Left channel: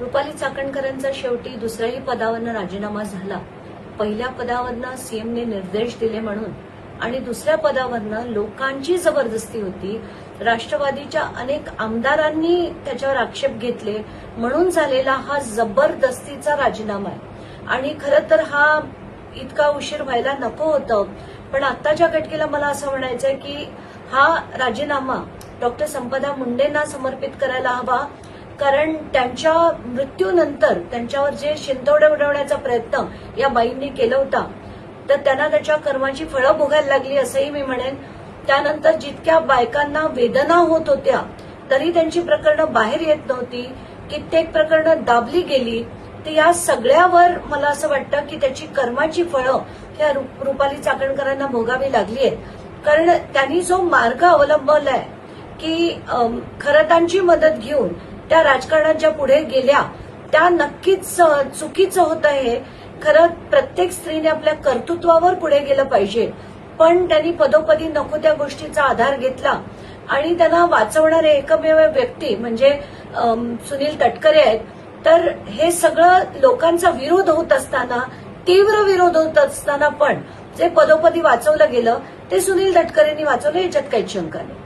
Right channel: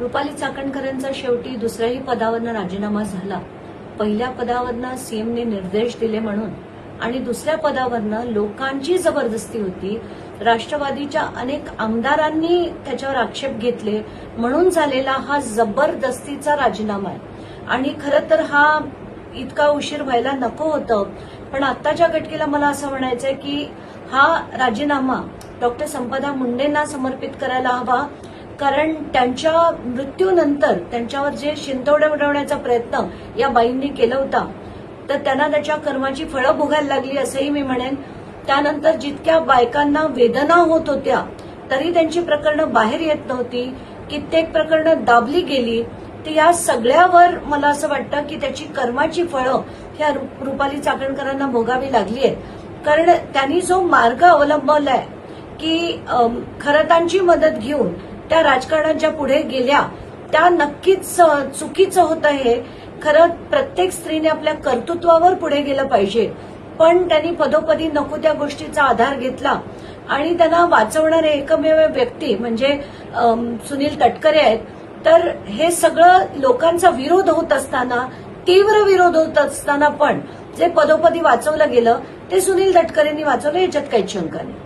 रुपाली चाकणकरांचा शेवटी दुसऱ्याही पदावरनं राजीनामा झाला. पहिल्या पदावरनं सीएमने निर्देश दिले म्हणून आणि दुसऱ्या पदावरनं लोकांची जबरदस्ती होती. राष्ट्रवादीच्या अनेक आमदारांनी त्याच्यावर आक्षेप घेतले म्हणून झालेला हा जबरदस्तीचा राजीनामा आहे. आणि खरं तर हा इतका उशीर व्हायला नको होतं. पण आत्ताच्या घटकेला मला असं म्हणायचंय की हा राजीनामा डॉक्टर संपदा मुंडेंना समर्पित करायला हवा. कारण त्यांच्या मृत्यूनंतर त्यांच्यावर जे शिंतोडे उडवण्याचा प्रयत्न या बाईंनी केला होता तर त्यांना त्याच्या कर्माची फळं भोगायला लागली असंही मी म्हणेन. त्यानंतर जितक्या बायकांना वेदना होत होत्या तरी त्यांची प्रकरणं बाहेर येत नव्हती. कित्येक प्रकरणं दाबली गेली. तर या सगळ्यावर मला असं वाटतं की त्याची कर्माची फळं ह्या रुपाली चाकणकरांना भोगावी लागली आहेत. कारण त्यांनी जो मार्ग अवलंबवलाय की खरतांची मदत घेऊन त्या राजकारणात ज्या पुढे गेल्या त्या नक्कीच चुकीचं होतं. हे खरं प्रत्येक स्त्रीने आपल्या कर्तृत्वावर पुढे गेलं पाहिजे. पण त्यांनी पदोपदी नको त्या गोष्टीचा आधार घेतला आणि त्यांना वाचवणारे एकमेव व्यक्ती म्हणजे सुनील तटकरे आहेत. तर हे सगळं लोकांचा विरोध होत असताना, तीव्र विरोध होत असताना पण जे पदोपदी वाचवलं गेलं ते सुनील तटकरेंनी वाचवलं, याच्यात काहीच शंका नाही.